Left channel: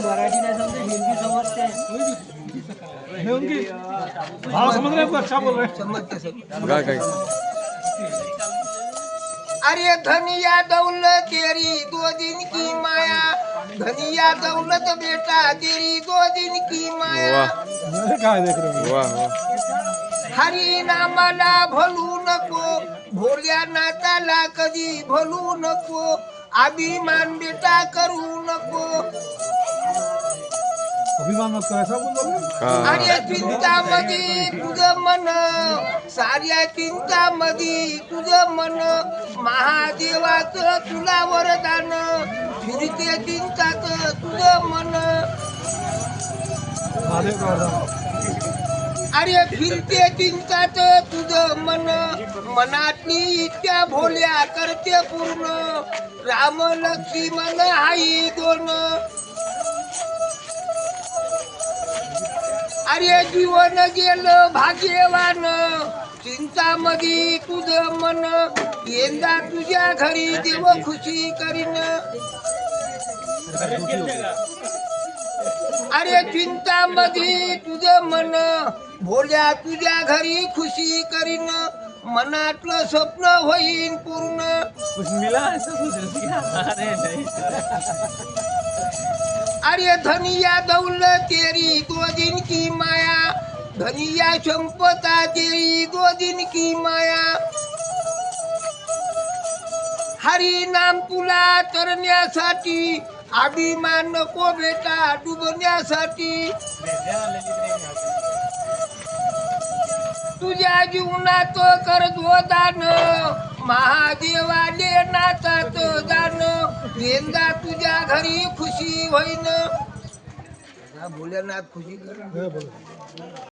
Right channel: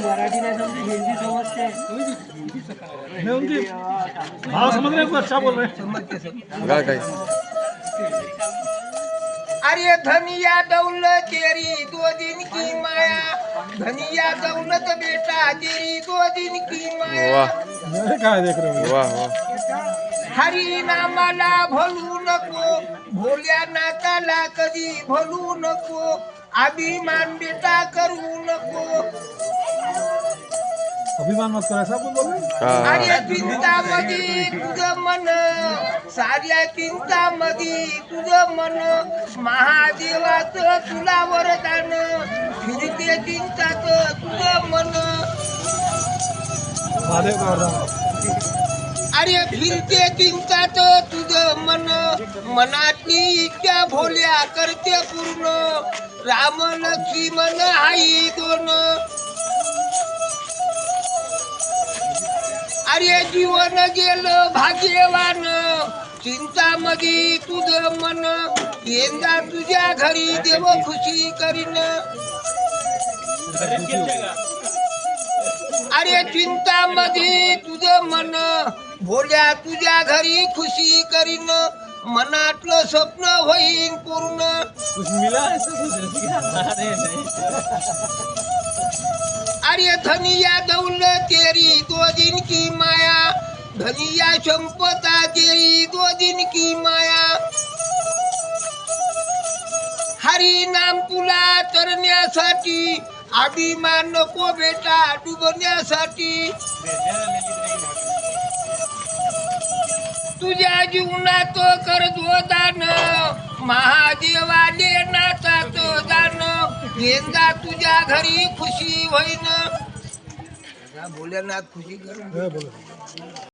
मराठी नहीं समझे हिंदी समझते नहीं उनकी भाव समझ रहे हैं, अच्छा बोल रहे हैं। समझते सब। अरे धनिया दौलत तेरी 2 दिन की माया, धनिया दौलत बेटा तेरी 2 दिन की माया। मेरे काय देख रहे हो? वाह वाह हरी नामाला भलू नको, भोल्या नाताला कधी भलू नको, अभिमान बेटा करू नको। अभिमान मत करा, ऐसा बोल रहे हैं। अरे चिंतामधी तुझं मन, साऱ्या चिंतामधी तुझं मन, महादेवाचं तुला वरदान, फिरते चिंताच तुझं मन। महादेव का वरदान। अरे फिरते चिंताच तुझं मन, मनातली इच्छा भोल्या करते पूर्ण, राम लक्ष्मण आई 2। अरे जीवन गेलं भाग्यवान, चिंतामधी तुझं मन, यंदा तुझ्या घरी देव खुशी करीन। अरे चिंतामधी तुझं मन, भोल्या तुझ्या घरी खुशी करीन, मनातलं स्वप्न होईन पूर्ण। कुछ मिला ऐसा कुछ अरे नहीं अरे धनिया दौलत तेरी 2 दिन की माया, धनिया संपदा तेरी 2 दिन की माया। हरी नाम तुला तरण्यासाठी, अभिमान नको बेटा डुबण्यासाठी। तुझ्या जीवनात कर दान, महादेवाले नाचात दान, यंदा तुझ्या घरी खुशी होईन। भोलेनाथ खुशी कर।